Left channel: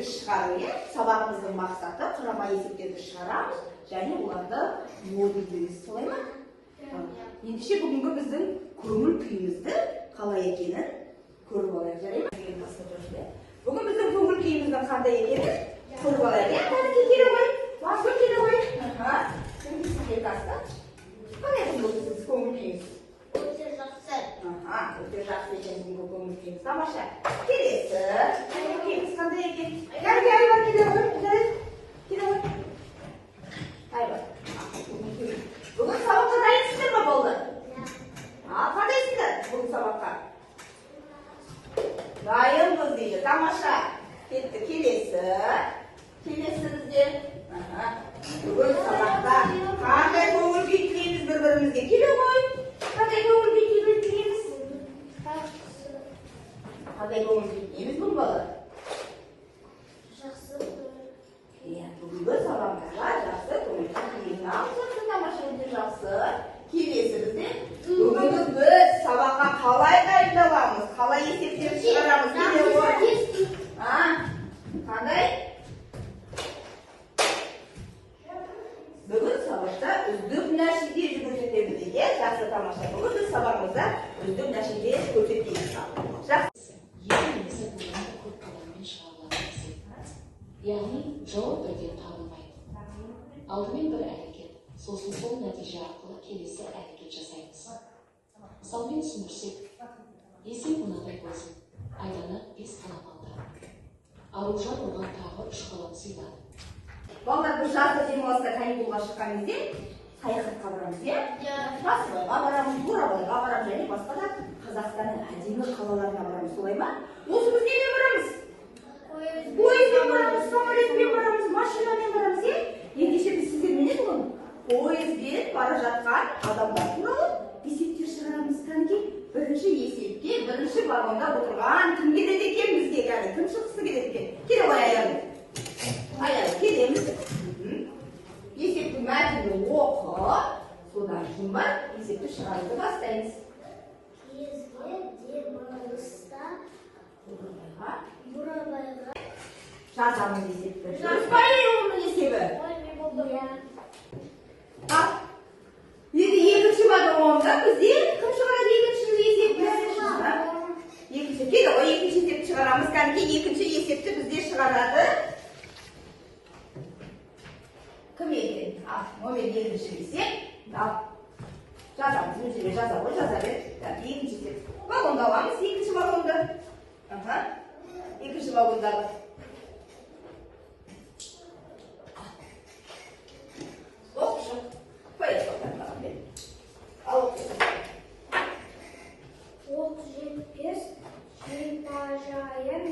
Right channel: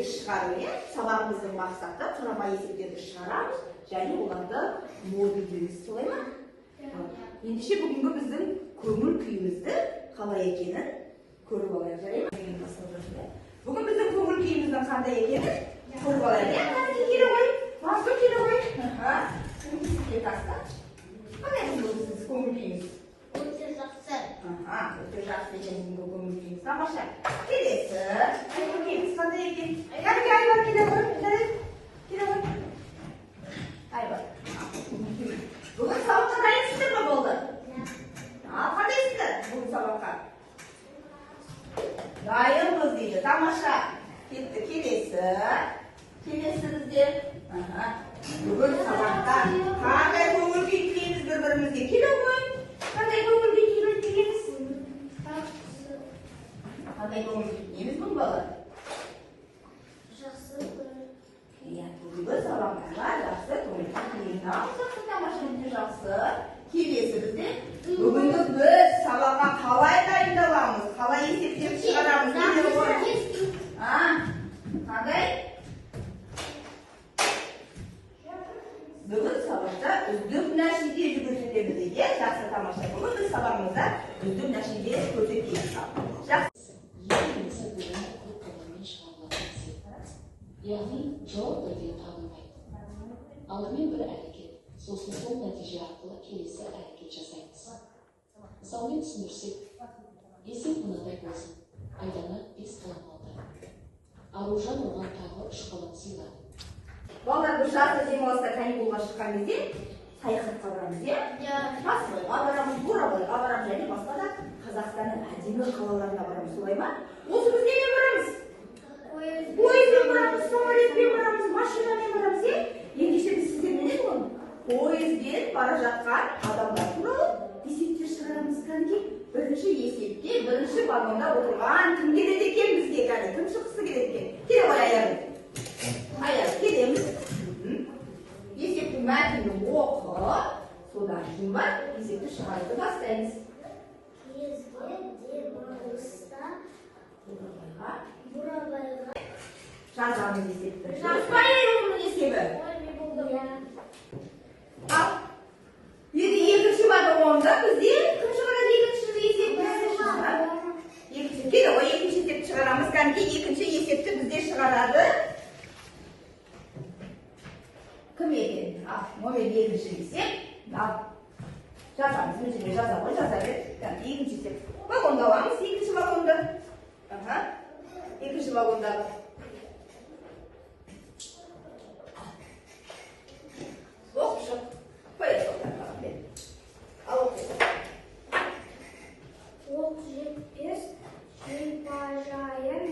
есептерді шығару. Сабағымыздың мақсаты құрама есептерді шығарамыз, және оларды модульдейміз. Солай ма? Ендеше бүгінгі біздің көңіл күйімізді қалай екенін көріп алайық, жарай ма? Бүгін біздің көңіл күйіміздің қандай екенін көріп алайық. Қазір келе ғой, басып келе ғой. Қандай сіз көңіл күйіңіз? Өте жақсы. Өте жақсы екен бүгінгі көңіл күйіңіз. Тамаша. Келесі. Көңіл күйіңіз қандай екен? Айбар келе ғой. Келе ғой. Айбар. Бүгін сабаққа дайынсыздар ма болды? Қандайсыздар бүгін сабаққа? Дайынбыз дейді. Тамаша. Кетті. Келесі. Келесі бізде. Бүгін сабақта қандай көңіл күй тілейміз бір-бірімізге? Келе ғой. Қандай көңіл күй тілейміз? Қандай көңіл күй тілейміз бұл бала? Жақсы. Бүгінгі сабағымызға жақсы көңіл күй тілейміз. Жақсы, тамаша, жақсы. Келесі бізде бүгінгі біз сабаққа қалай дайындаламыз? Қалай есептерді шығарамыз? Қандай? Бүгін сабақта үздік нәтиже көрсетеміз дейді. Жақсы, тамаша. Бүгін біз сабағымызда үздік нәтиже көрсетеміз. Жақсы. Яғни жауап бірден табылмайды. Алдымен бір әрекет, сосын сол нәтиже арқылы келесі әрекет жасаймыз. Мысалмен түсіндірсек, есеп мынадай болсын. Айдана 5 қалам алды. Аружан оған тағы 3 қалам сыйлады. Балалар, біз жазғы демалыста каникулға шыққан кезде саяхатқа барамыз, иә? Басқалайға барамыз, Бурабайға барамыз, және басқа да Қазақстанның әдемі қалаларына барамыз, солай ма? Осы біз немен барамыз? Пойызбен барамыз, самолетпен барамыз, машинамен барамыз, иә? Ендеше біз сіздермен не боламыз? Пойызбен бара жатқан адамдар туралы есептер шығарамыз. Кәнеки бірінші есепке, бірінші вагонда отырған кім келеді екен бізге? Кім шыққысы келеді екен? Келе ғой аяғым. Аяқ келеміз. Есептің мәтінін оқып, содан кейін бар есепті шығаруды бастаймыз. Кезге демалыста Бурабайға Жазамыз есепті. Жазбай оның есебі. Енді екінші вагонда бізде кім шығарады екінші есепті? Келе ғой, екінші есепті шығарамыз. Кәнеки екінші есепті бізде шығарады. Кім екен? Номер екінші есеп. Жазамыз, өзіме жаза ғой, жаза бер. Екінші есеп. Вагонда аламыз, екінші вагонда. Екінші вагондағы. Оқшы. Поехали. Ал оқшы. оқ жетпес шипажайын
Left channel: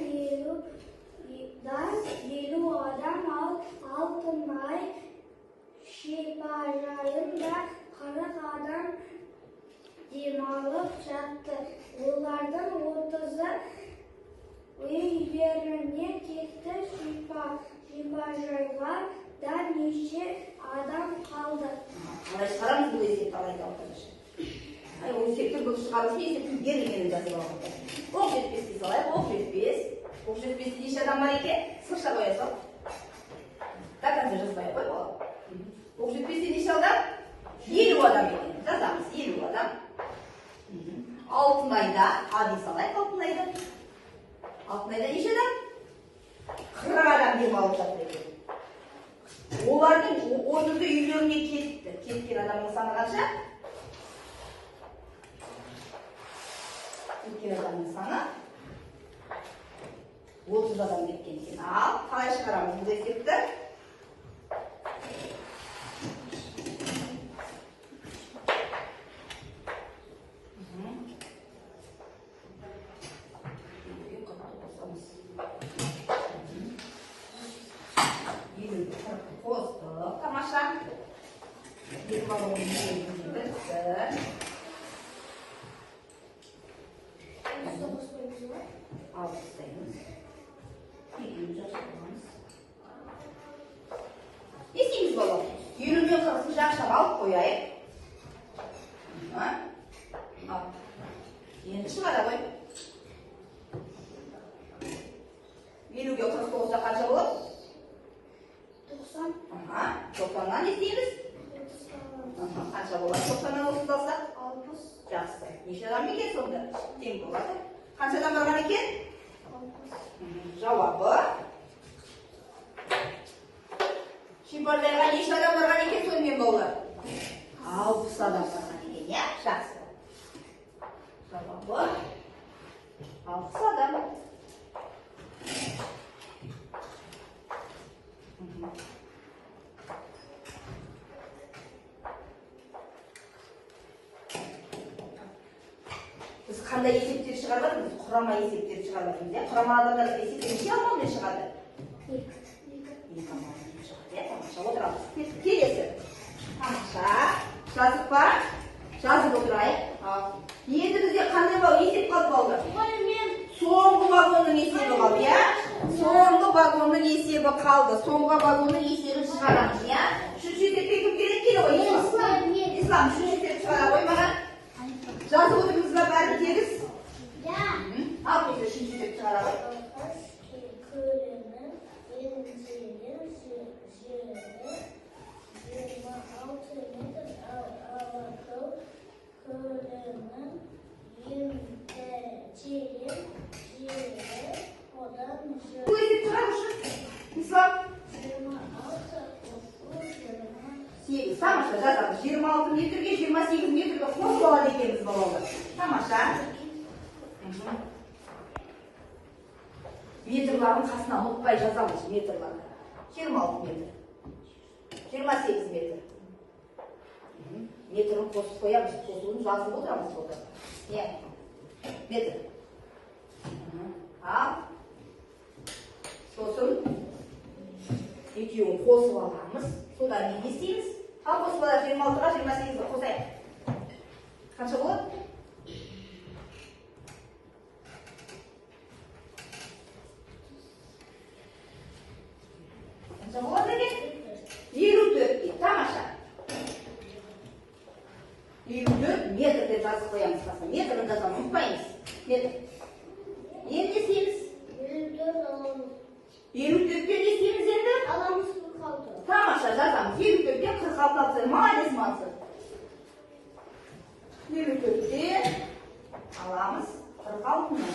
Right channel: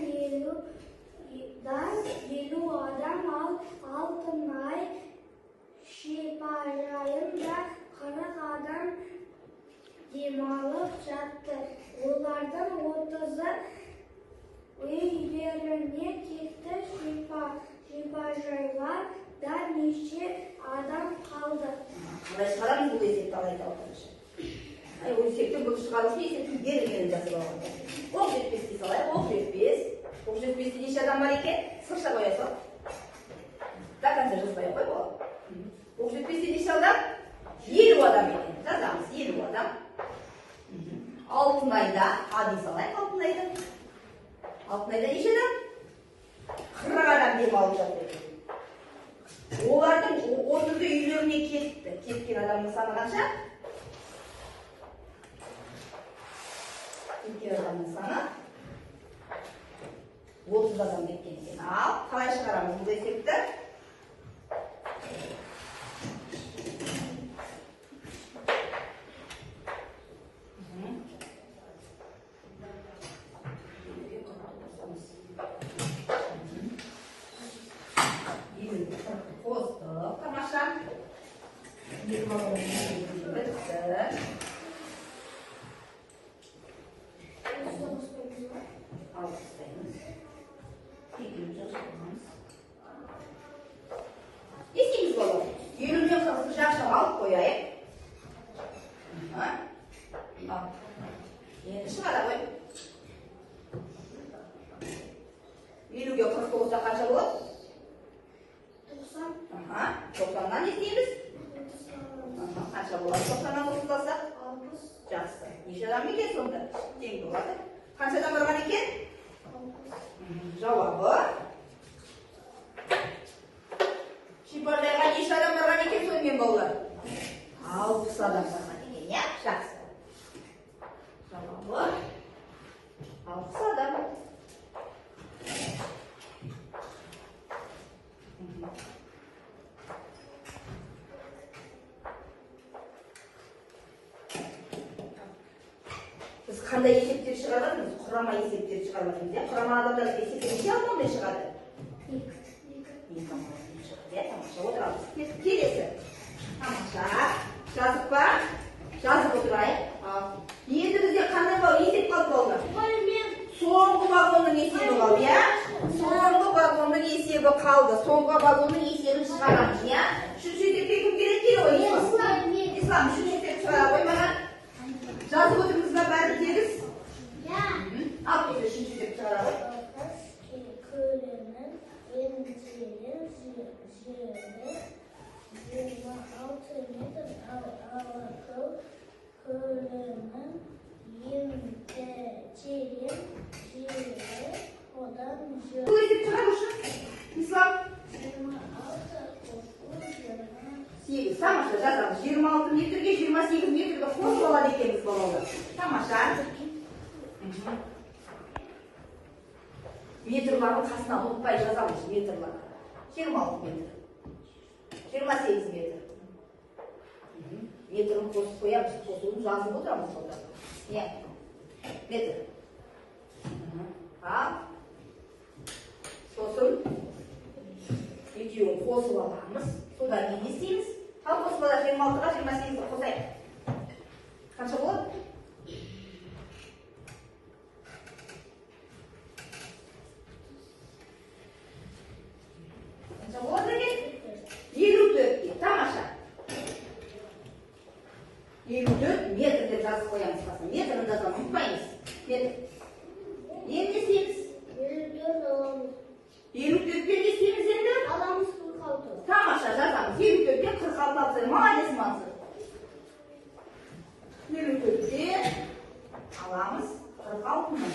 елу адам алтын ай шипажайында 40 адам демалып жатты. Олардың 30-ы үйлеріне кетті. Шипажайға да неше адам қалды. Қалай шығарамыз бұл есепті алайда оқыңызшы. Ол есепті бұл шығарушы есептің берілгенін жазып алғанда. Оқ жетпес дей салайық, оқ жетпес. Оқ жетпесте неше адам бар екен? Сырша қоя сал. До конца жазбай қой бола. Оқ жетпесте неше адам? 50 адам екен. Жазамыз, 50 адам. Алтынайда, дей салайық алтынайда. Алтынайда неше адам? 40 адам демалып жатыр екен. Олардың 30-ы үйлеріне кетті. Кеткен адамның саны қанша? Кеткен адамның саны 30 адам кеткен екен. Ал, қалай шығарамыз бұл есепті? Тамаша. Есейміз болу. Елумен қырқын жақшап алып қояйық. Енді шығара қой. Елуге 49-та қанша алпыс адам. Біз қандай есептер шығарып жатырмыз? Құрама есептер шығарып жатырмыз. Құрама адамдар есептен алмаумен шығады. Тамаша, отырамыз. Келесі. Тамаша. Жазып ба? Жазып отырайық. Енді бізде қандай есеп қалды балалар? Соңғы вагонның есебі қалды, иә? Соңғы вагонның есебі қалды. Соңғы вагонның есебін шығарамыз, иә? Үшінші есепке кім керек келді ғой? Ислам, үшінші есепті шығара қоймаған. Жазып отырмыз ба бәрі тегіс? Иә. Ал енді үшінші есепті шығара қой. Бұл есеп шығарыңызшы. Ислам. 8. Тамаша, жазамыз. 26 метрге, 28 метрге қосып алады екенбіз балалар. Тамаша. Метрлардың қасына ұмытпай жазамыз метрларды. 26 метр. 28 метр. Метрін қосып қоямыз. Қосуын жазып отырамыз сонда. Не? Метр. Ал. Сосын екеуін қосып аламыз. Содан не істейміз? Ал қосып алады 26-ға 28-ді қосайық. Қанша болады? Қанша болады екен? 54 дейді. Тамаша. 54 метр деп жазып қоямыз қасына. Метрін жазамыз, ұмытпаймыз. Метр. Енді не істейміз? 54-тен не істейміз енді? Аламыз 46. Тамаша, жазамыз. 54-тен 46 алып. Молодец, Мансұр. 54-тен аламыз 46-ны.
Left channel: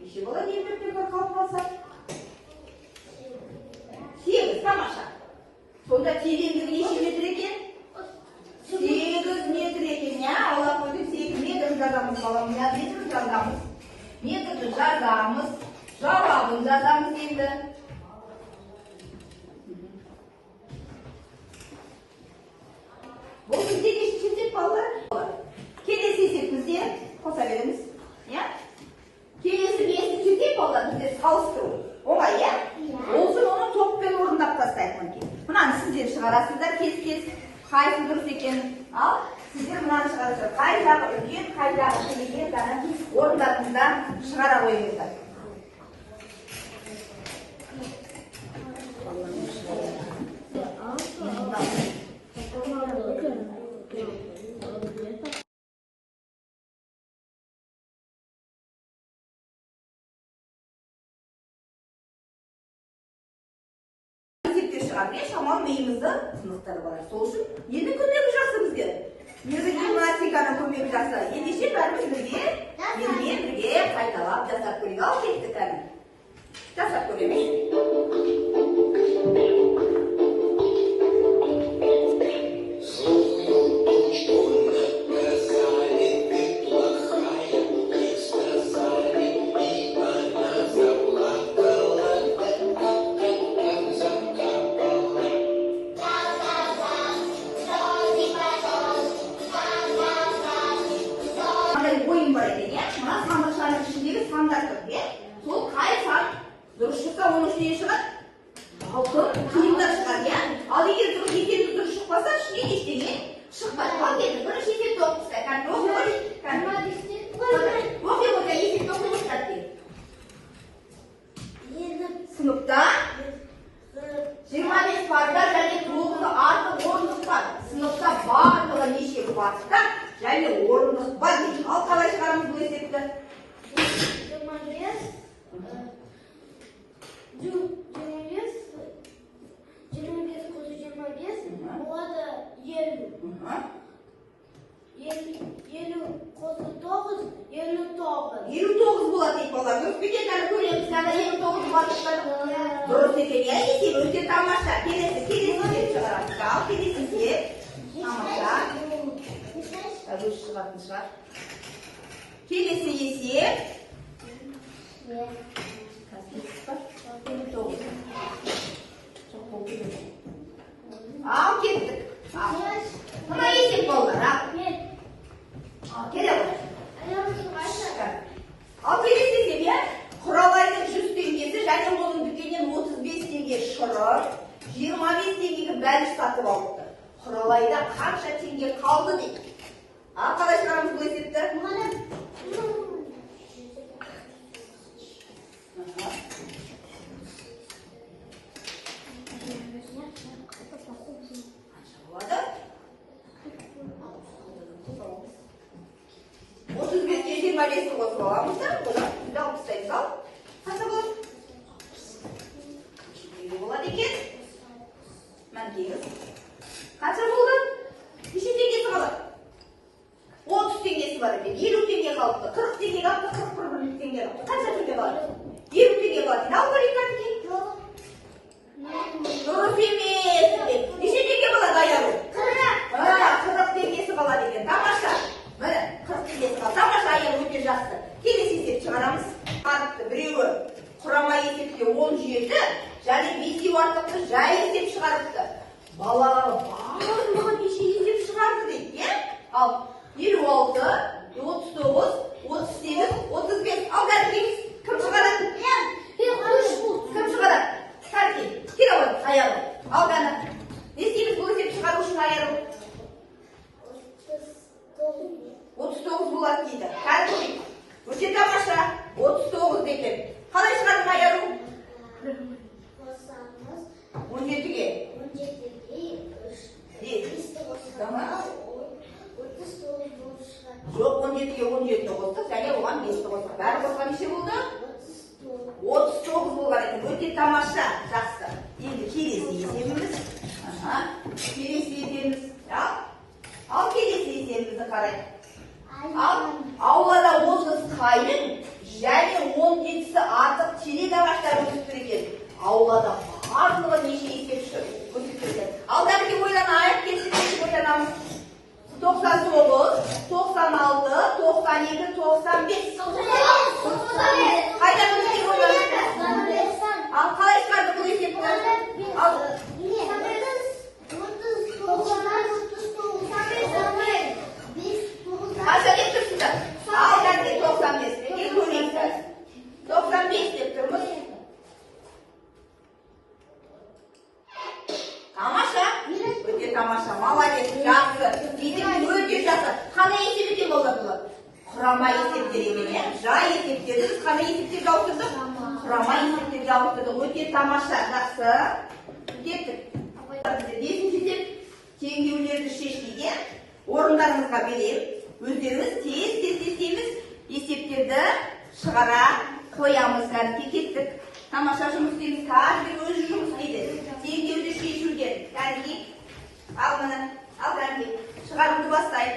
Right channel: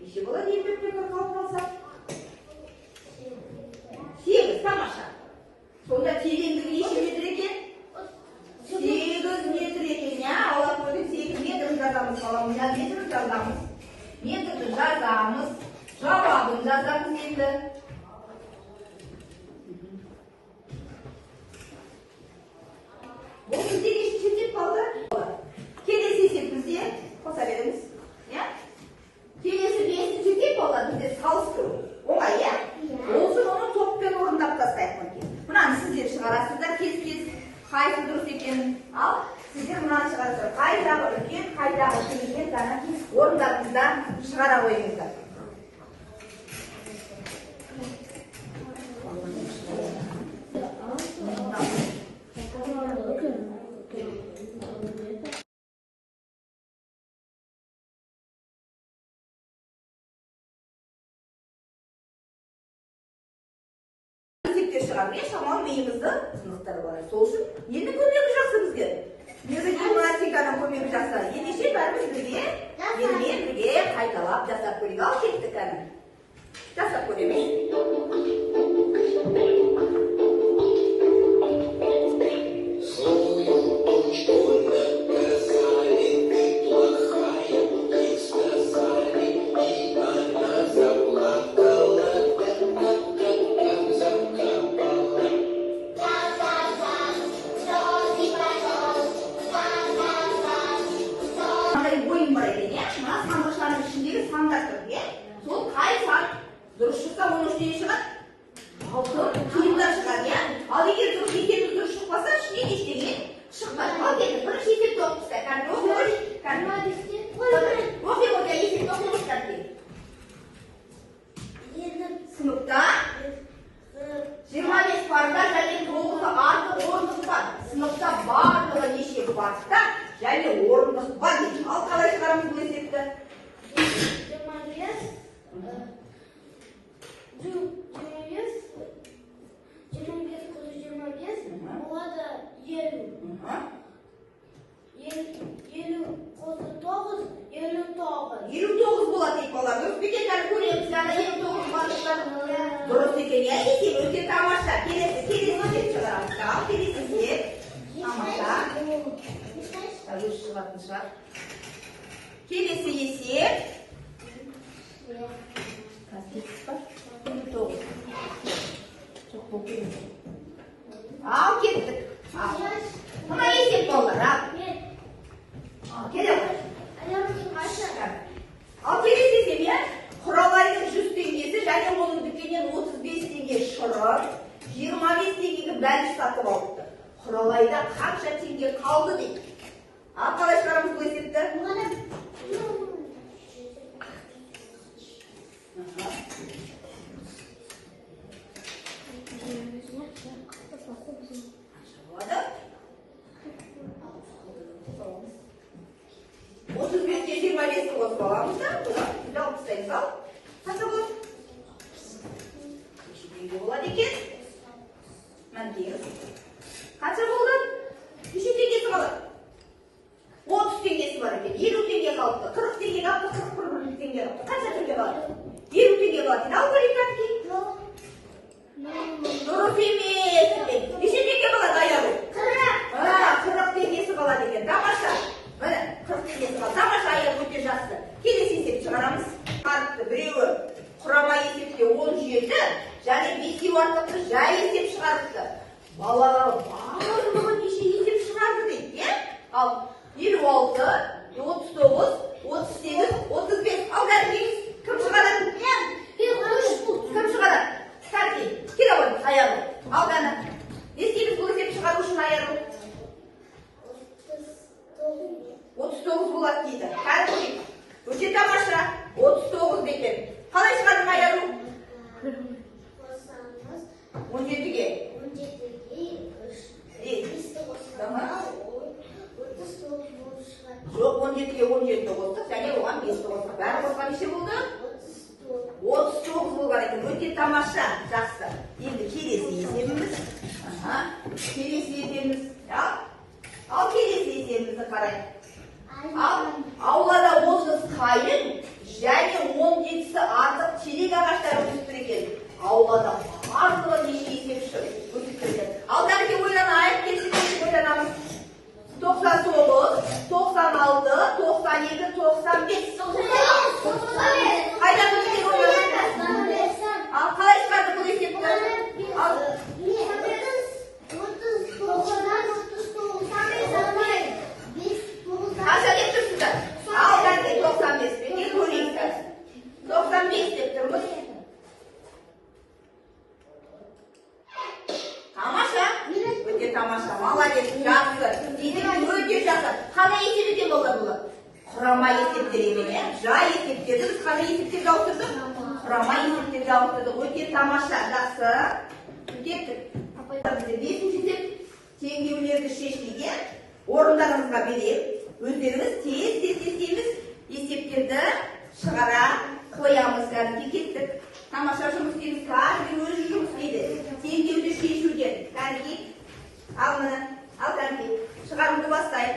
Неше болады 54-тен 46 алса? 8, тамаша. Сонда тереңдігі неше метр екен? 8 метр екен, я? Алла қойып 8 метр жазамыз, балам. Метр жазамыз. Метрді жазамыз. Жауабын жазамыз енді. Бұл бізде неше есеп қалды? Келесі есебімізде қоса береміз. Келесі бесінші есеп болды бізде салыстыру. Оңай, иә? Олсын оны топпен орындап тастайық мінекей. Мынаны сіздер шығарасыздар кез-кез. Қайсы дұрыс екенін. Ал сіздер мынаны шығарасыздар. Қайдағы үлкен, қайдағы кіші ғана орындарыңызда шығара қойыңыздар. Мен шамам миымызды сынықтырып алайық. Сол үшін енді көмегі жақсы бізге. Гимнастиканың көмегі жақсы. Ендеше бәріміз бірге, елмен бірге қайталап жасап көрейік. Ал кеттік әлі. Жасап көреміз. Дұрыс шықса оның үстіне шығады. Алтын қиындар шығады, иә? Ал егер дұрыс есебі дұрыс шықпаса, ішінен ештеңе шықпайды. Ал енді бірінші есепті оқыңыздар. Кәдімгі оқи қойса есепті оқыңыздар дейді. Сыныпта 25 парда және 9 артық орындық бар. Сыныпта барлығы неше парта және орындық бар дейді. Ал қалай шығарамыз бұл есепті? 25 келесі есеп. Тамаша. Өзі шығатын шығар. Келесі есеп. Ал кеттік. Мына есеп болар. Келе ғой. Ал келесі есеп, құралайдың 100 теңгесі және оның дүкеннен 35 теңге шұрып, 25 теңгеге бәліш сатып алыпты. Құралайда қанша теңге қалды дейді. Қалай шығарамыз бұл есепті? Болады? 35-ке 25-ті қосып аламыз да, одан алып тастаймыз ал. Қанша болады? Неге болады екен? Мәндеңіз. Қанша болды? Неше теңгесі қалады? 30 теңгесі бар екен, 50 теңге қалыпты, 40 теңге қалыпты, 41 теңге қалыпты. Қанша теңге қалады? 50 теңге қалады. Ал көрейік әнекей. Дұрыс емес. Неше теңге қалады аяғы? 40 теңгесі қалады екен. Тамаша. Міне 40 теңгесі қалады. Тамаша, аяғы өте жақсы. Келесі есеп шығарамыз. Қарыпты біреуі құрама есепте 17, және бесеу артықты жай есеп шығарыпты. Балалары барлығы неше есеп шығарды дейді. Ал 56, 39, 38, 35. Ал дәрігейіз. Кім шығарады? Кім шығарады? Сәркей. Кел ауын, аяғы. Ал дәні. Не істейміз бұл есеп шығару үшін аяғы? 39 болады дейді. Кәдімгі. Өте тамаша. 39 дейді. Қалай шығардың аяғы? 17-ге. 17-ге 17 қостық, және оған 5-ті қостық. Бәрі қосқан неше болды? 39 болған екен. Өте тамаша, жақсы. Енді келесі есебіміз. Келесі есебіміз. Ал келесі есебімізді қарайық. Аулада 30 қайын, және 17-сі артық терек ағаштары өсіп екен. Аулада барлығы неше есеп көрсетілген. Алдарыке ойланайық, келесі ойланамыз. 99, 96, 97, 95. Қайдан өткен ойланайық? Ал қалай шығарды бұл есепті? Қанша деп тұрсыздар? Ал дәрке 95. Неге көрейікті? 95 деп тұрмыз. Тамаша. Өте тамаша. Молодец. Жақсы. Есеп өте жақсы. Қандай есеп екен болды бұл? Құрама есептер екен. Жай есептерді біз қандай есептерді ауыстырдық? Құрама есептерді ауыстырдық. Өте тамаша. Жақсы. Кеттік. Бесінші есеп теңдеулерді шешуге орындарыңызға берейік. Өздеріңіз тез істейміз, есептерді шығара қоямыз. Дәріге кеттік. Тамаша жұмыс істейміз. Қазір өзі жұмыс істейді. Теңдеуді шешуден. Дәріге. Ал мұны. Ал дәріге. Шығаруды бастайық.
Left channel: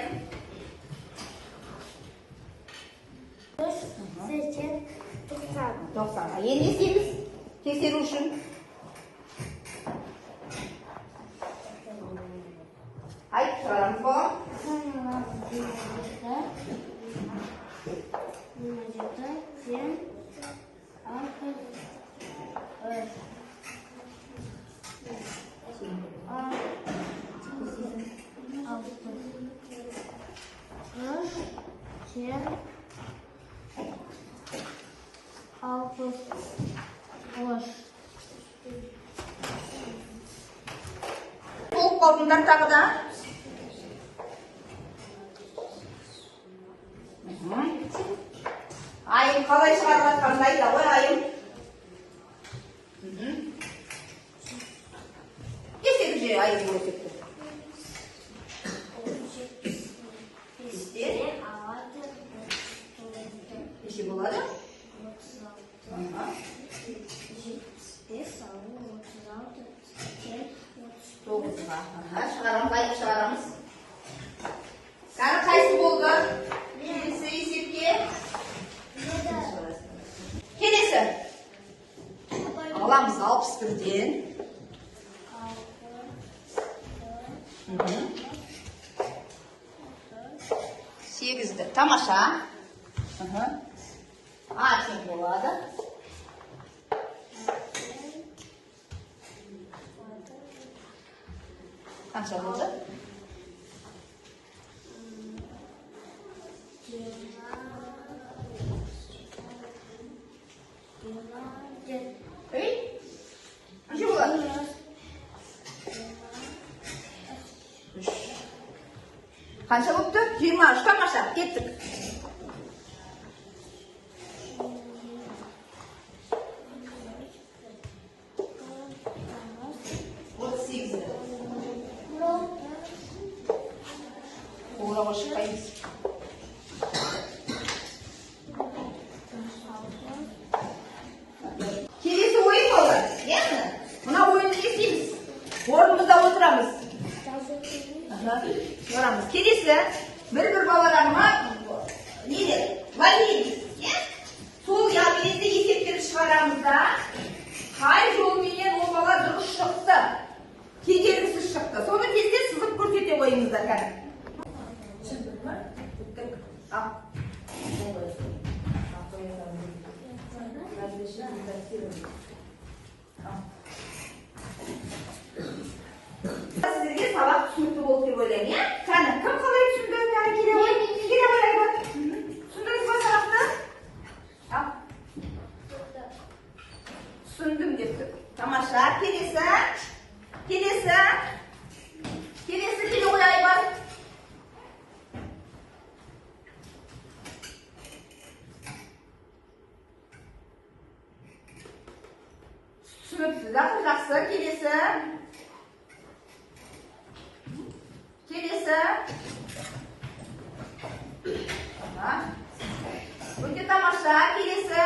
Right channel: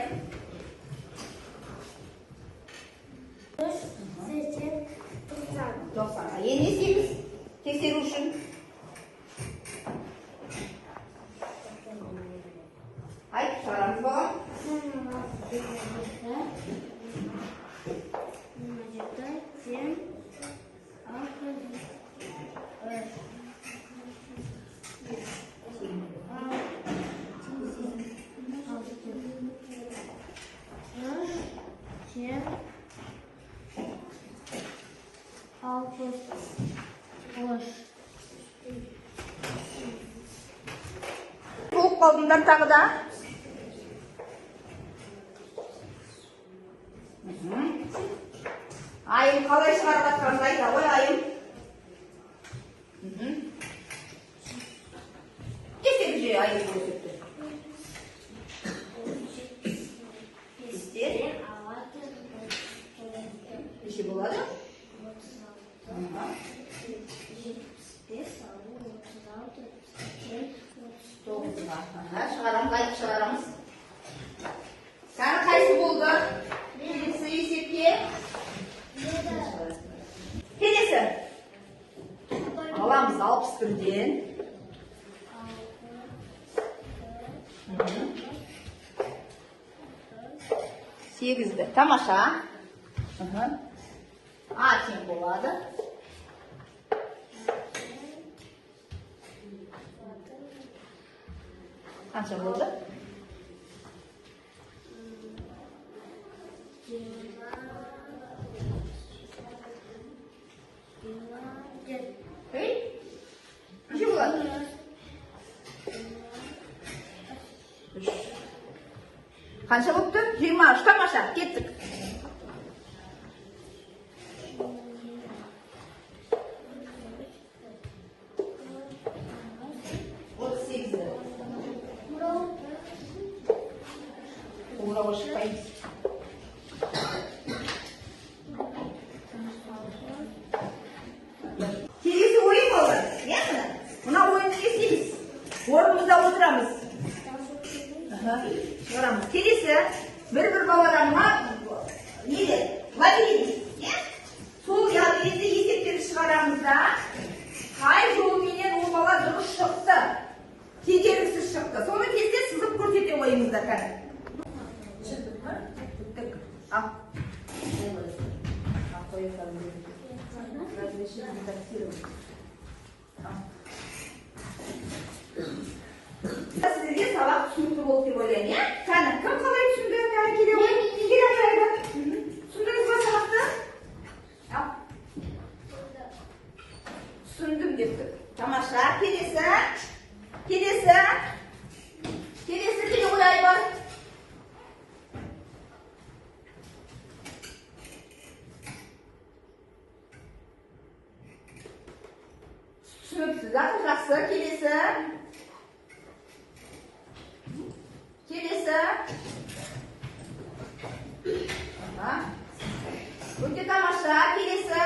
90. Енді істейміз. Тексеру үшін. Айт, шығарамыз болған. Болып қалдыңдар тағы да. Айым қалай шығарып жатқанын айта ғой, айым. Кесек же айым көрсетті. Неше болады? Шығарамыз, айып шығарамыз. Сәні қайсы болды? Келесі есепке. Келесі. Аламыз 61-ден. Сегізді. Тамаша. А тең болады. Қанша болды? Қанша болыпты? 23. Тамаша, кеттік. Келесі ойын балалар. Мына ойынды не істейміз? Орнымызда отырамыз. Шығарамыз. Келесі бір балаға не деді? Валидейміз. Сол яғниетті есептерді шығарамыз да, қай жолменен ол бала дұрыс шықты, кедергісіз шықты. Соны кезде сызып көрсете қойыңыздар кәні. Шықтық па? Бүттік. Ал. Сіздерге сабақ түсінікті болды деп ойлаймын, иә? Кәні, кім қалай түсінді? Кәні келе ғой? Келе қойайды. Түсіндіңіз ба сабақты? Ал. Түсіндім депті. Тамаша. Келесі. Келесі келе қойай бар. Түсінікті. Жақсы. Келесі. Өте тамаша. Келесі.